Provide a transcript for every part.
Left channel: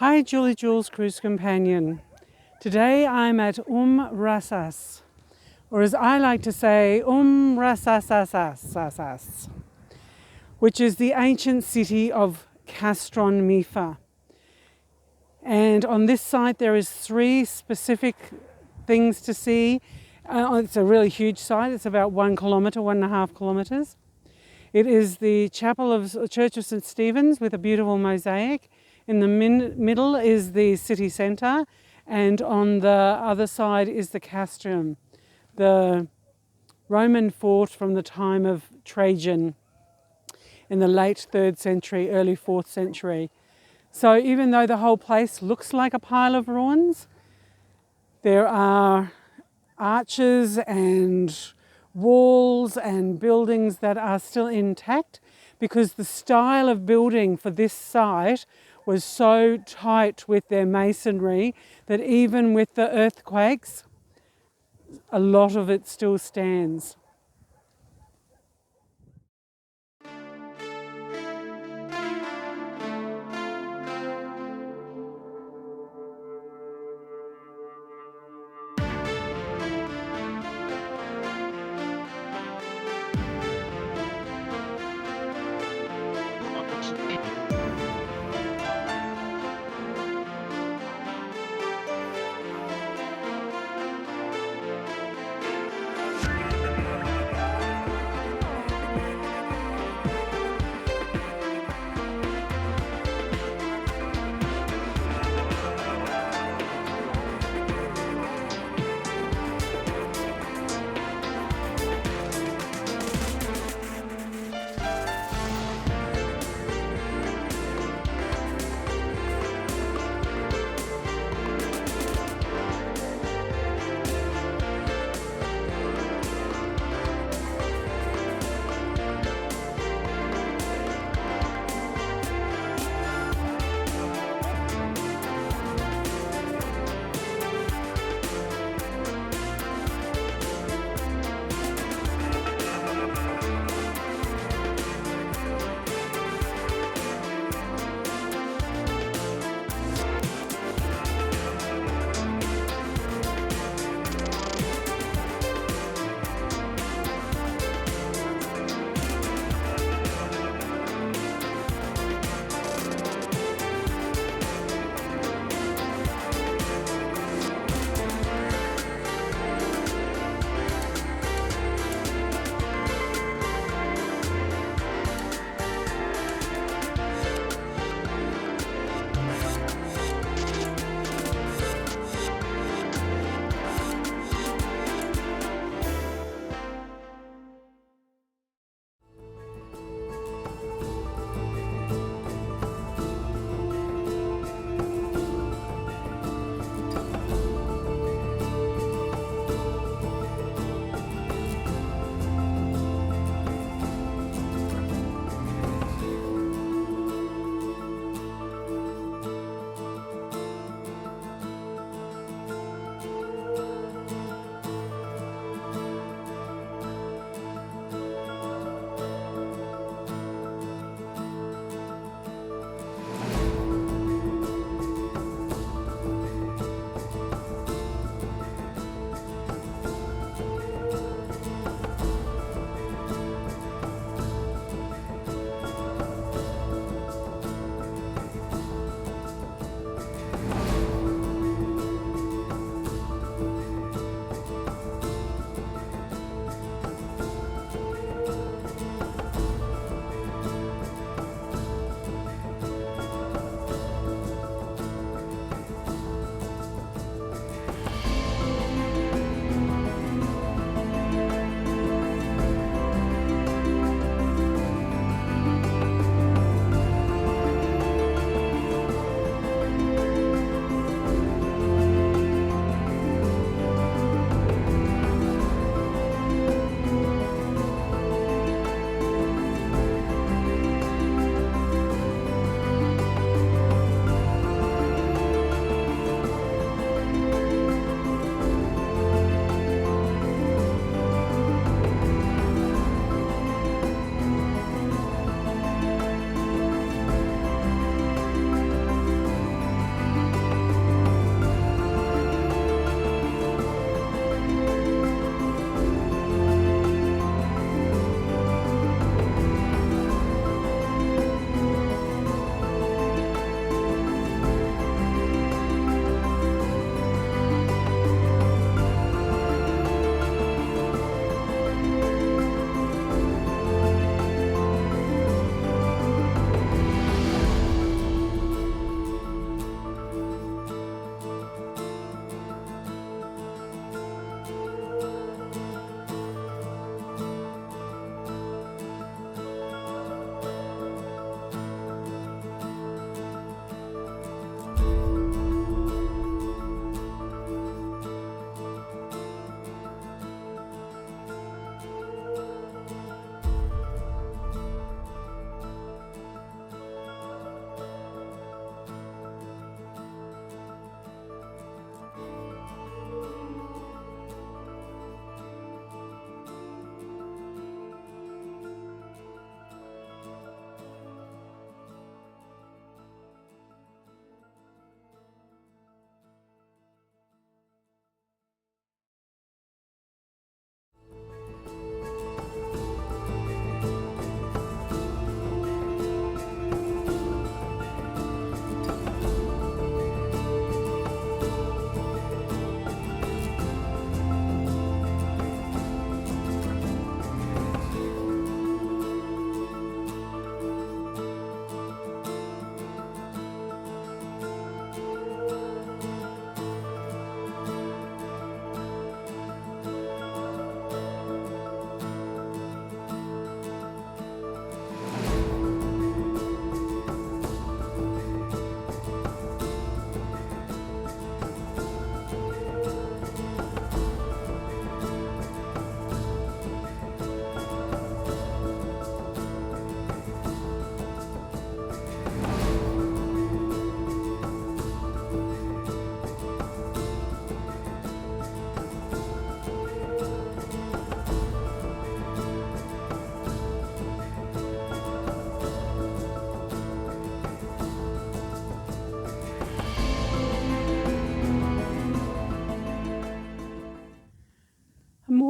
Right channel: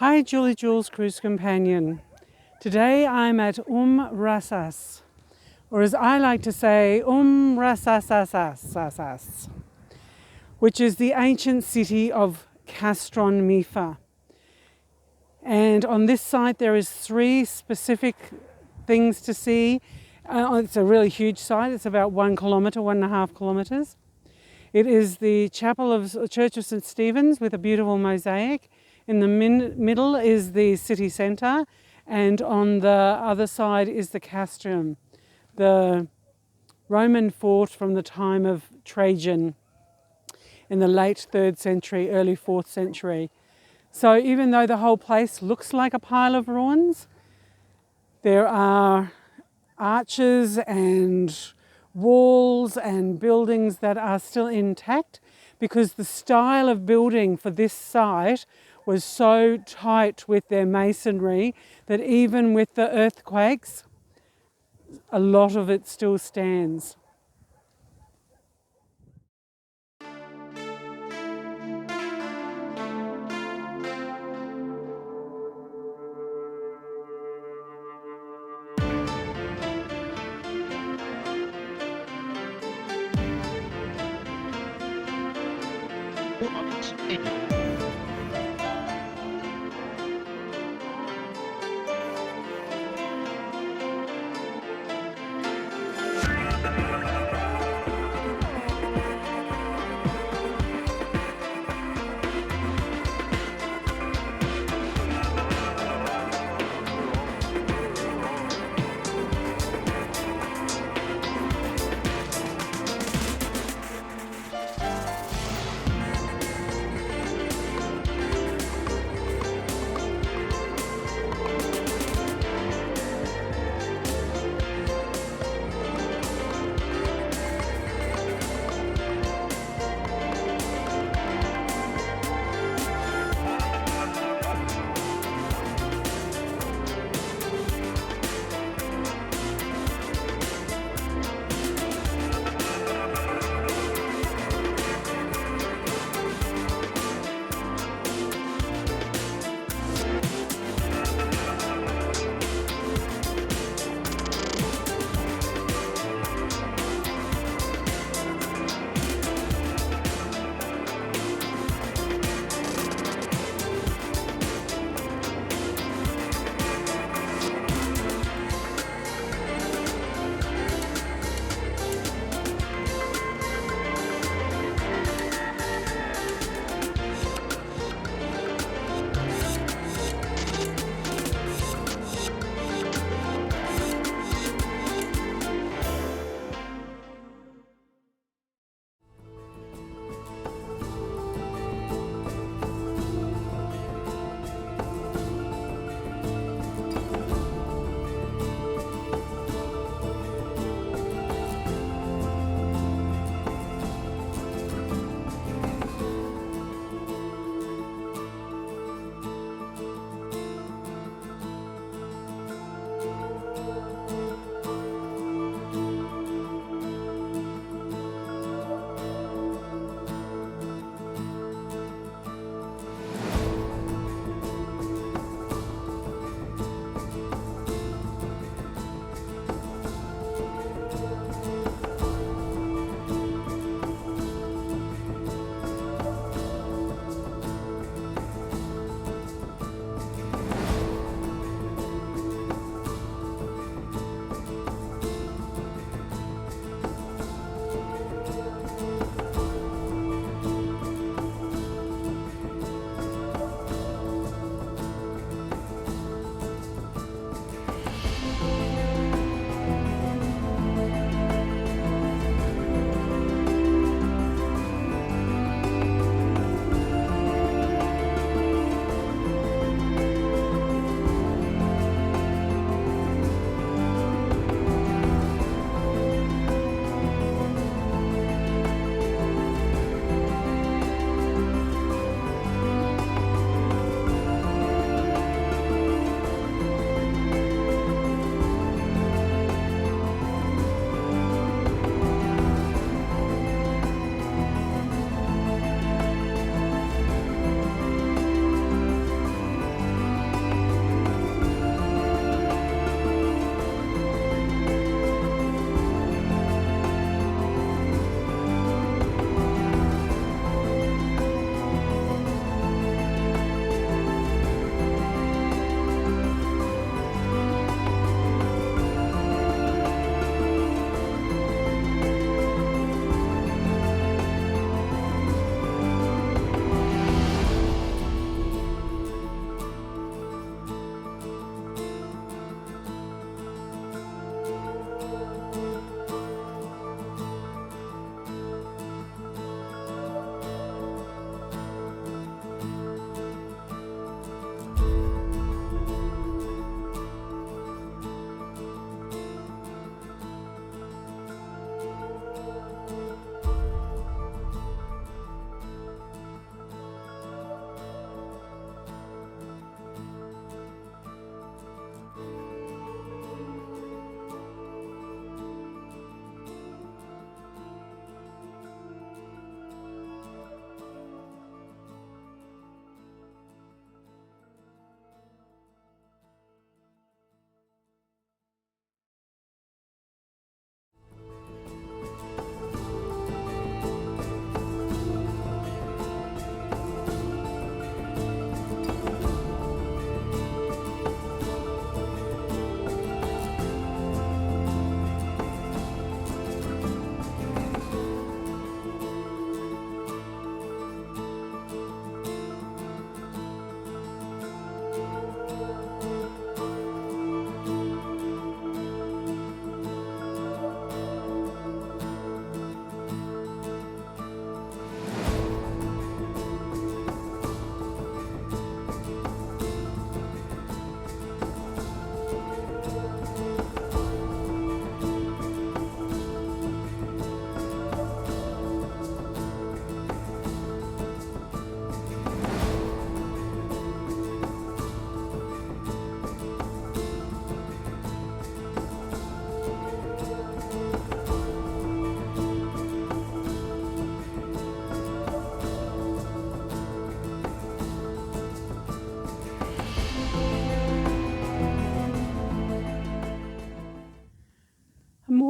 Hi Julie Jules Cruise Companion. Today I'm at Rasas, or as I like to say, Rasas, which is the ancient city of Castron Mifa. And on this site there is 3 specific things to see. It's a really huge site. It's about 1 kilometre, 1.5 kilometres. It is the Church of St. Stephen's with a beautiful mosaic. In the middle is the city centre, and on the other side is the Castrium, the Roman fort from the time of Trajan in the late 3rd century, early 4th century. So even though the whole place looks like a pile of ruins, there are arches and walls and buildings that are still intact, because the style of building for this site was so tight with their masonry that even with the earthquakes, a lot of it still stands.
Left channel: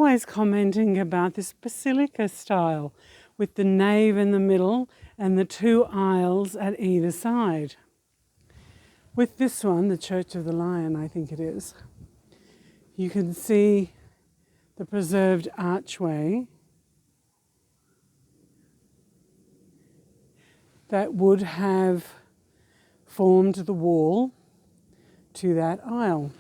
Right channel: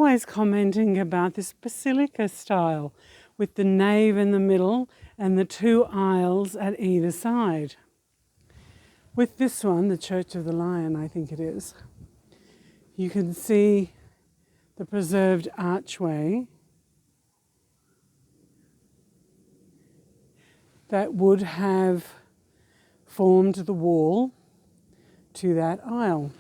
always commenting about this basilica style with the nave in the middle and the two aisles at either side. With this one, the Church of the Lion, I think it is, you can see the preserved archway that would have formed the wall to that aisle.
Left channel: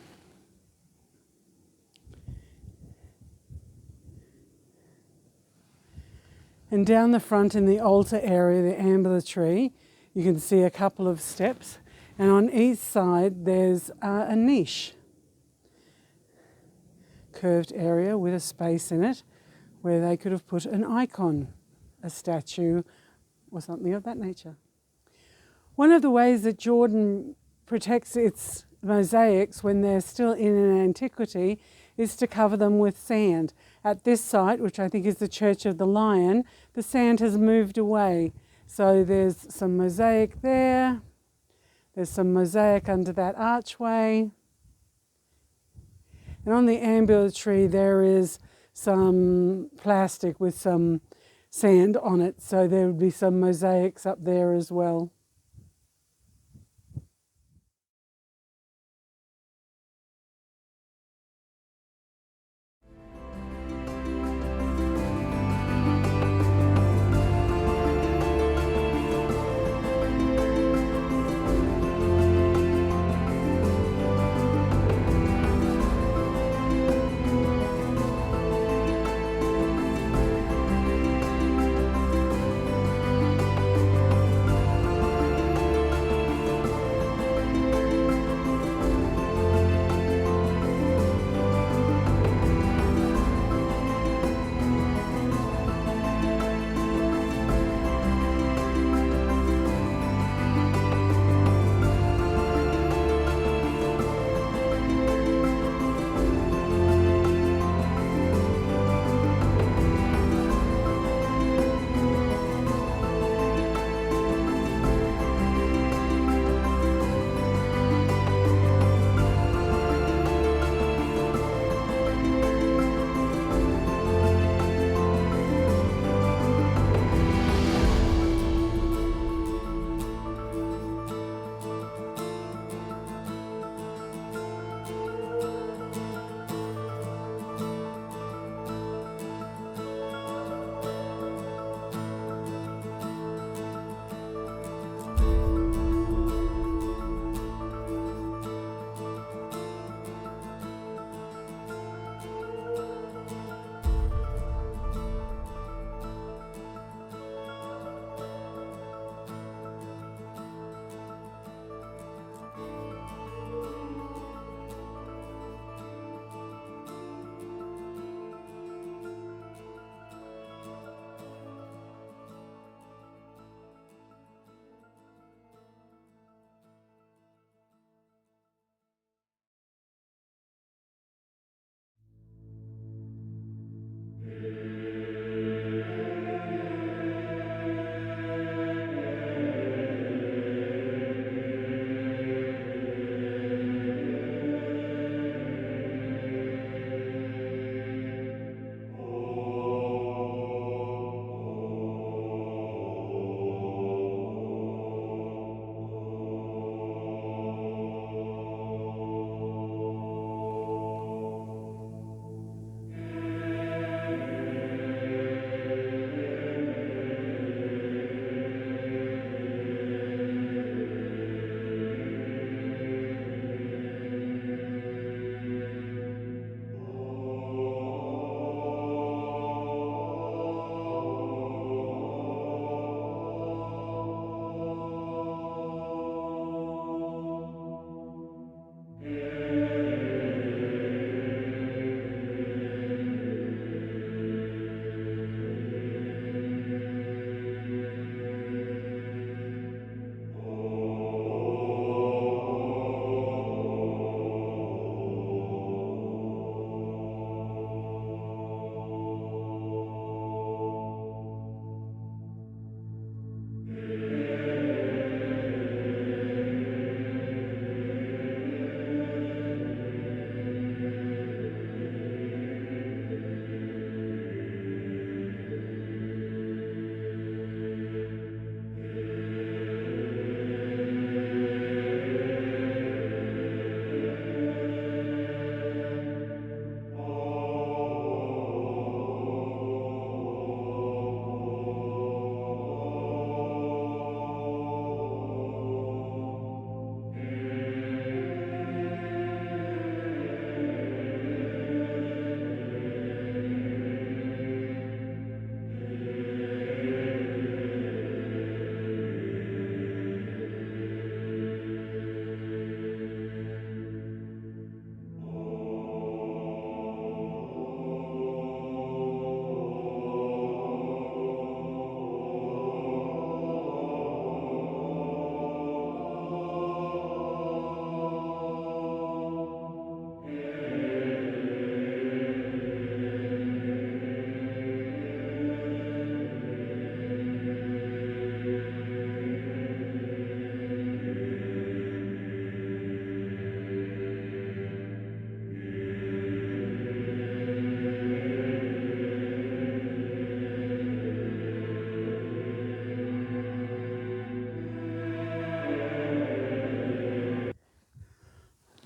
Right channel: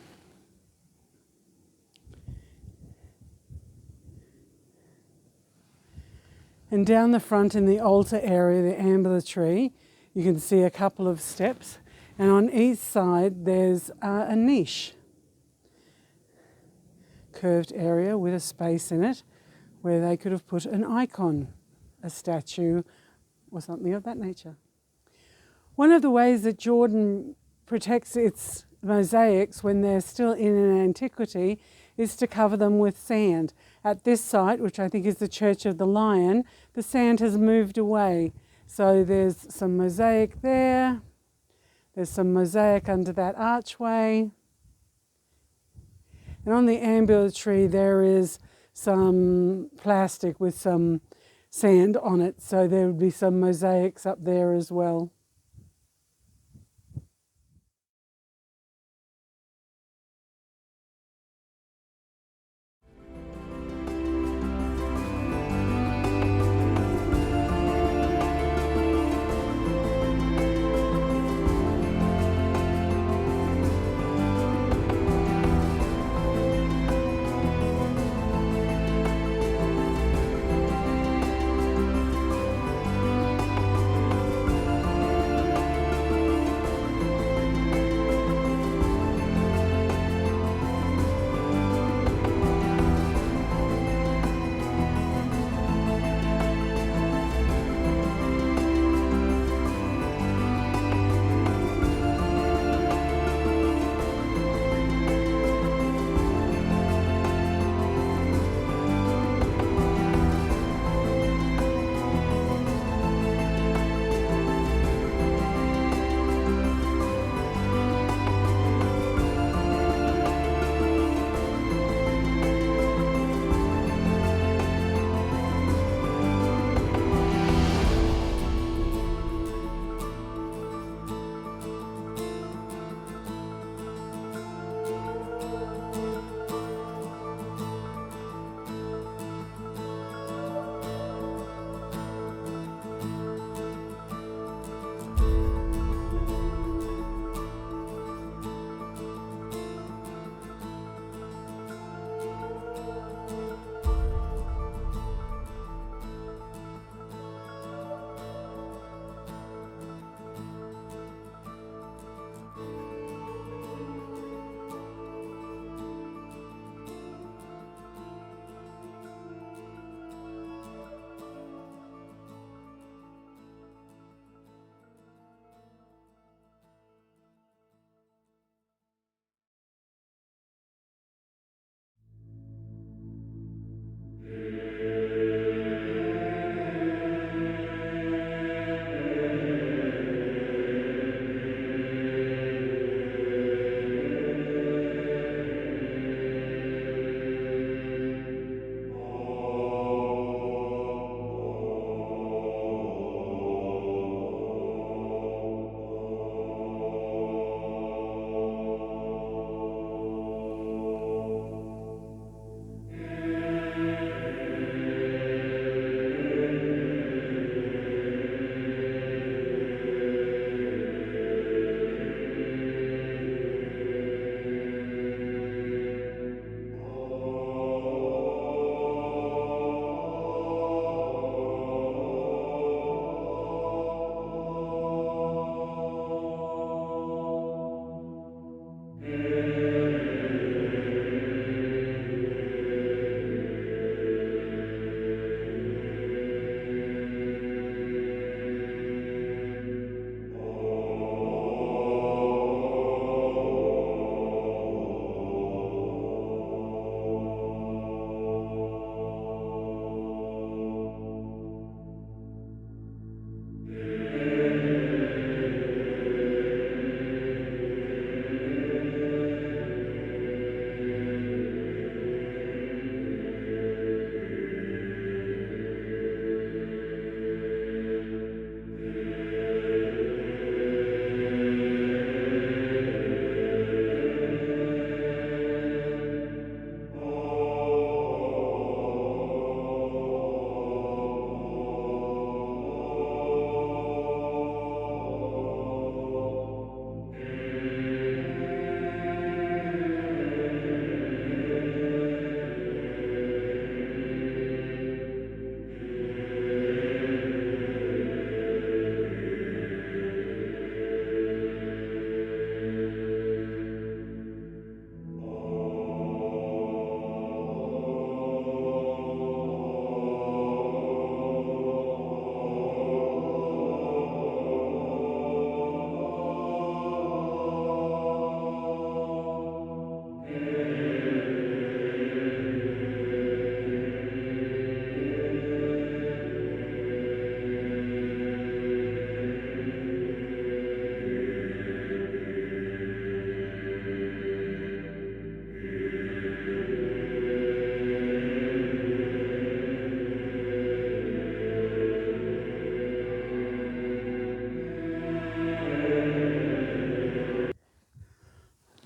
And down the front in the altar area, the ambulatory, you can see a couple of steps, and on each side there's a niche, curved area with a space in it where they could have put an icon, a statue or something of that nature. One of the ways that Jordan protects its mosaics when they're still in an antiquity is to cover them with sand. At this site, which I think is the Church of the Lion, the sand has moved away. So there's some mosaic there, there's some mosaic under that archway, and on the ambulatory there is some plastic with some sand on it, so there would be some mosaics up there as well.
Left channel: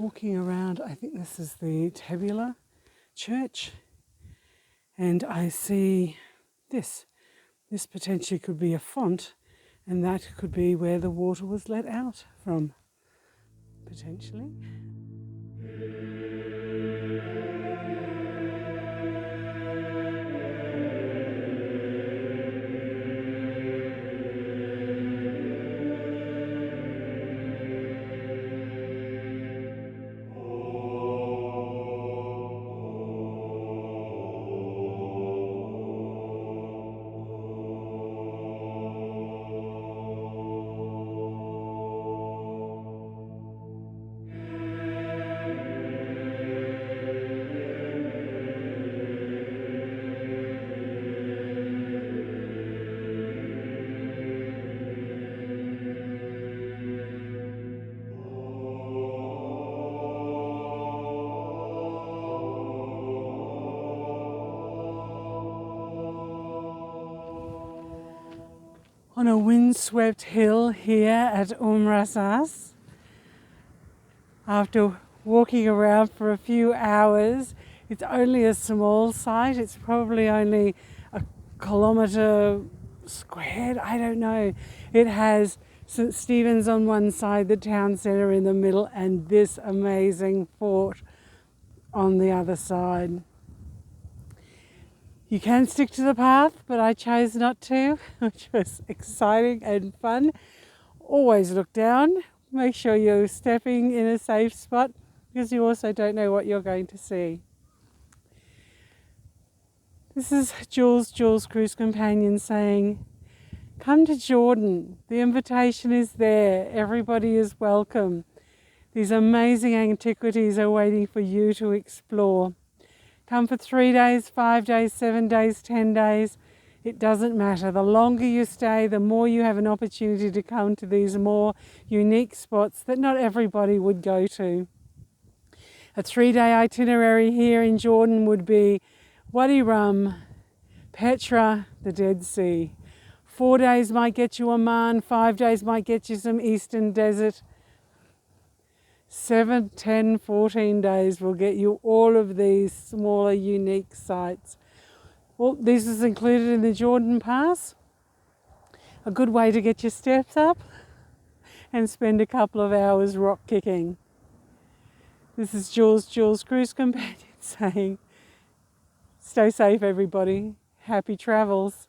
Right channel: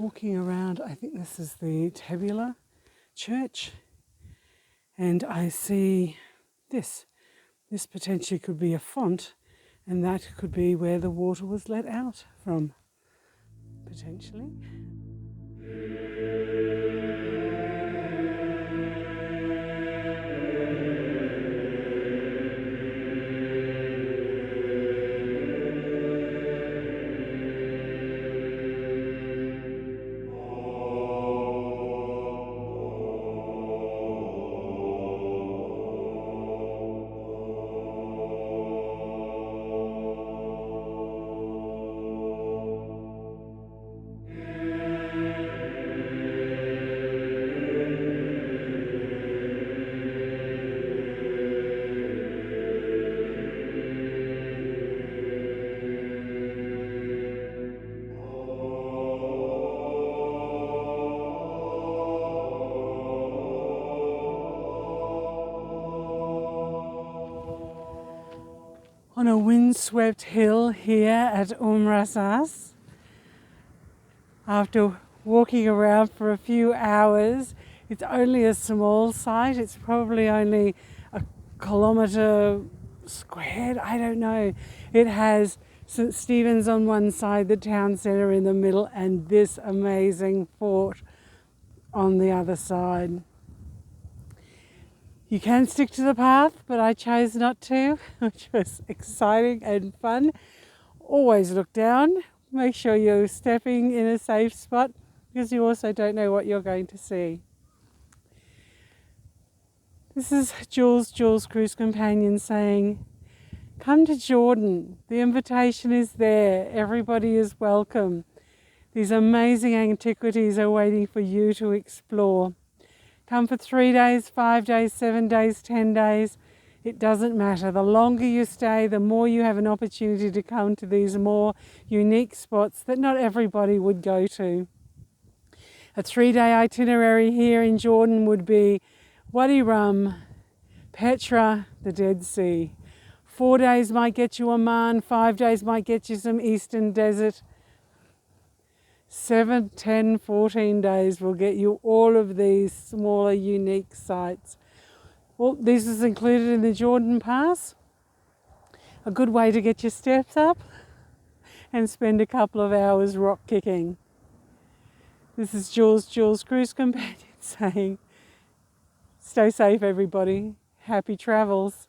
walking around, I think this is the Tabula Church, and I see this. This potentially could be a font, and that could be where the water was let out from, potentially. On a windswept hill here at Rasas, after walking around for a few hours, it's only a small site. It's probably only a kilometre squared, I don't know. It has St. Stephen's on one side, the town centre in the middle, and this amazing fort on the other side. You can stick to the path, but I chose not to, which was exciting and fun. Always look down, make sure you're stepping in a safe spot, because you also don't know what you're going to see. This is Jules' cruise companion saying, come to Jordan, the invitation is there, everybody is welcome. These amazing antiquities are waiting for you to explore. Come for 3 days, 5 days, 7 days, 10 days. It doesn't matter. The longer you stay, the more you have an opportunity to come to these more unique spots that not everybody would go to. A 3-day itinerary here in Jordan would be Wadi Rum, Petra, the Dead Sea. 4 days might get you Oman, 5 days might get you some Eastern Desert. 7, 10, 14 days will get you all of these smaller, unique sites. Well, this is included in the Jordan Pass. A good way to get your steps up and spend a couple of hours rock kicking. This is Jules' cruise companion saying, stay safe everybody, happy travels.